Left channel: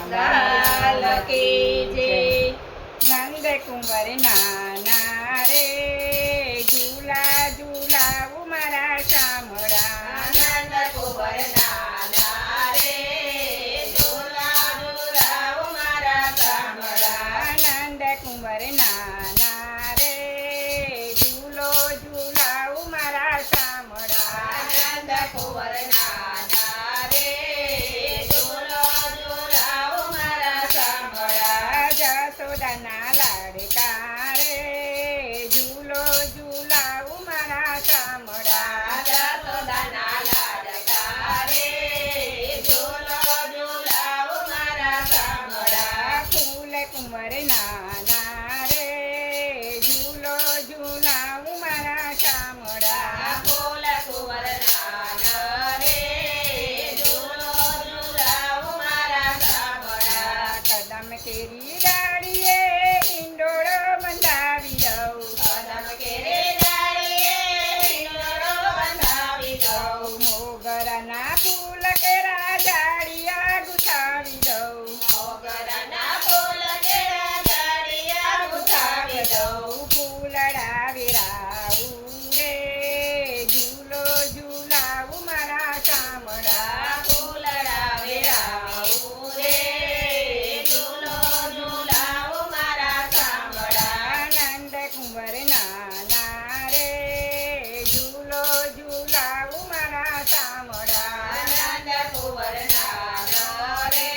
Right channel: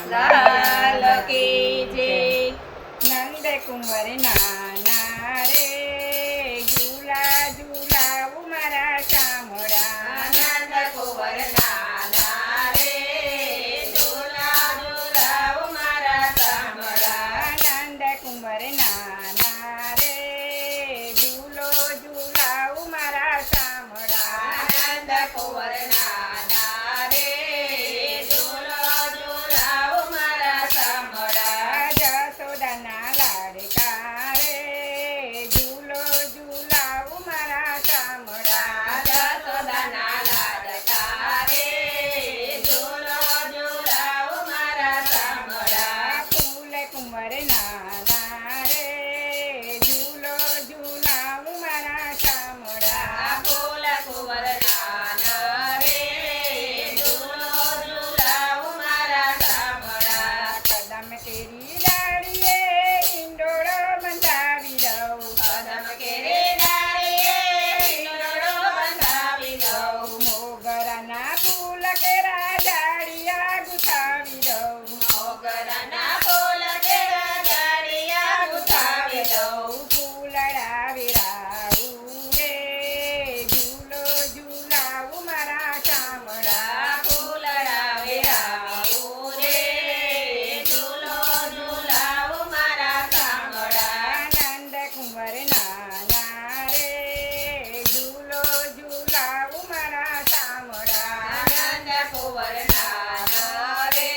લાલ કી જય નંદ કુંવર નાના રે ઝૂલા ઝૂલાવું મારા શામળા નંદ કુંવર નાના રે ઝૂલા ઝૂલાવું મારા શામળા નંદ કુંવર નાના રે ઝૂલો ઝૂલાવું મારા શામળા નંદ કુંવર નાના રે ઝૂલો ઝૂલાવું મારા શામળા જશોદાના લાડકા રે ઝૂલો ઝૂલાવું મારા શામળા જશોદાના લાડકા રે ઝૂલો ઝૂલાવું મારા શામળા ફૂલ કુંવર નાના રે ઝૂલો ઝૂલાવું મારા શામળા ફૂલ કુંવર નાના રે ઝૂલો ઝૂલાવું મારા શામળા કદમ કેરી ડાળીએ ઈંડોળો બંધાવી દઉં કદમ કેરે ડાળીએ ઈંડોળો બંધાવી દઉં મોગરાના ફૂલ કેરા ડાળિયા ગુથાવી દઉં મોગરાના ફૂલ કેરા ડાળિયા ગુથાવી દઉં ફૂલડા વેરાવું રે ઝૂલો ઝૂલાવું મારા શામળા ફૂલડા વેરાવું રે ઝૂલો ઝૂલાવું મારા શામળા નંદ કુંવર નાના રે ઝૂલો ઝૂલાવું મારા શામળા નંદ કુંવર નાનો રે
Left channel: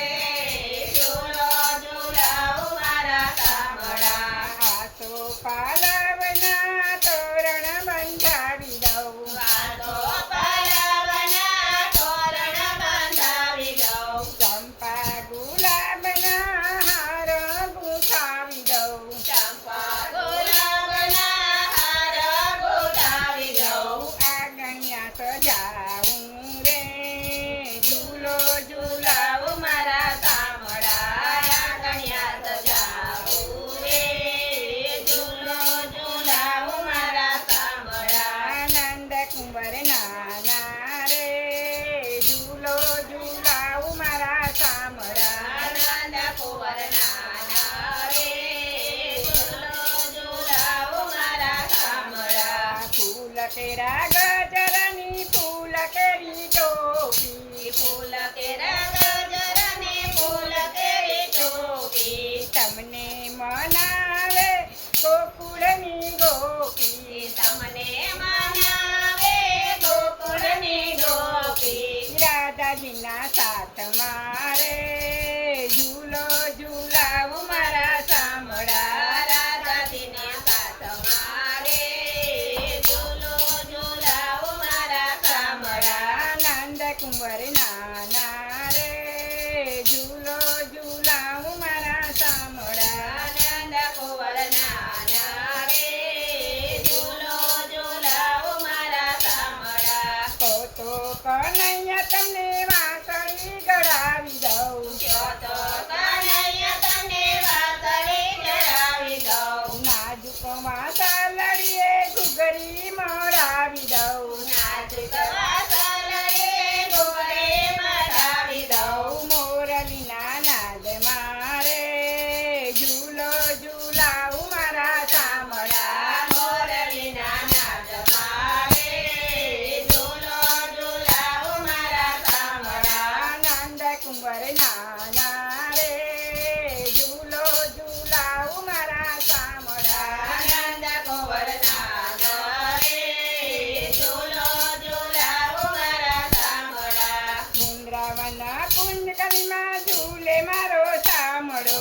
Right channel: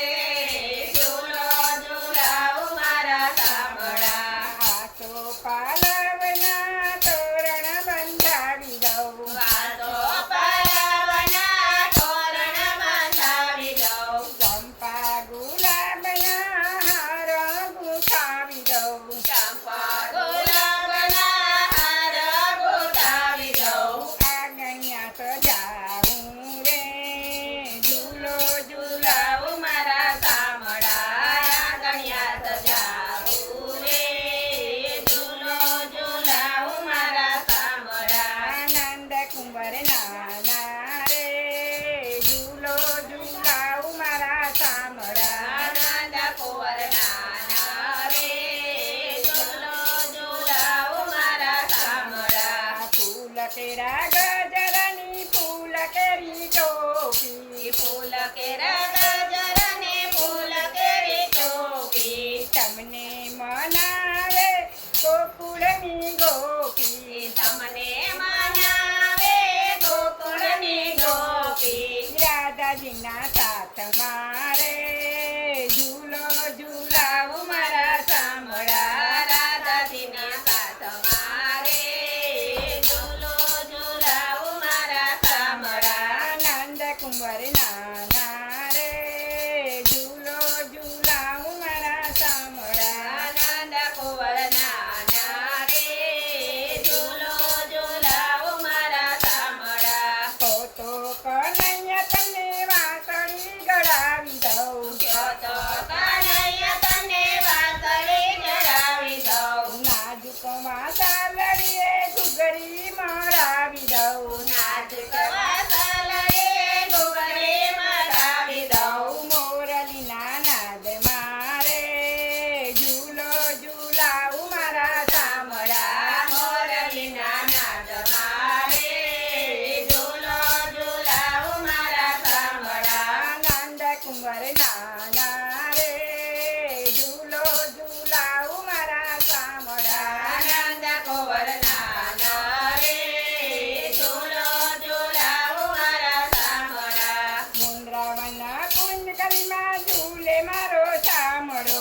ઝૂલો ઝૂલાવું મારા શામળા આસો પાલવના તોરણ બંધાવી દઉં વાતો પાલવના તોરણ બંધાવી દઉં ચંપા ગુલાબના હાર ગુથાવી દઉં ચંપા ગુલાબના હાર ગોઠાવી દઉં આગણ્યા સજાવું રે ઝૂલો ઝૂલાવું ઝૂલાવું મારા શામળા ગણ્યા સજાવું રે ઝૂલો ઝૂલાવું મારા શામળા નંદ કુંવર નાના રે ઝૂલો ઝૂલાવું મારા શામળા નંદ કુંવર નાના રે ઝૂલો ઝૂલાવું મારા શામળા ફૂલ કેરા ગજરની ફૂલ કેરી ટોપી ફૂલ કેરા ગજરને ફૂલ કેરી ટોપી તમને મનાવે ગોકુળની ગોપી તમને મનાવે ગોકુળની ગોપી રાધાજીના સાથ મારે ઝૂલો ઝૂલાવું મારા શામળા રાધાજીના સાથ મારે ઝૂલો ઝૂલાવું મારા શામળા નંદ કુંવર નાના રે ઝૂલો ઝૂલાવું મારા શામળા નંદ કુંવર નાના રે ઝૂલો ઝૂલાવું મારા શામળા તો કનૈયા તમને વાંસળી ગળાવી દઉં તો કાનૈયા તને વાસળી જડાવી દઉં નાજુક વાસળીએ ઘૂઘરી મળાવી દઉં નાજુક વાસળીએ ઘૂઘરી મળાવી દઉં મોરલીના નાદ મારે ઝૂલો ઝૂલાવું મારા શામળા મોરલીના નાદ મારે ઝૂલો ઝૂલાવું મારા શામળા નંદ કુંવર નાના રે ઝૂલો ઝૂલાવું મારા શામળા નંદ કુંવર નાનો રે ઝૂલો ઝૂલાવું મારા શામળા વૃંદાવનના કુંજ કલીમાં ઝૂલે મારો શામળો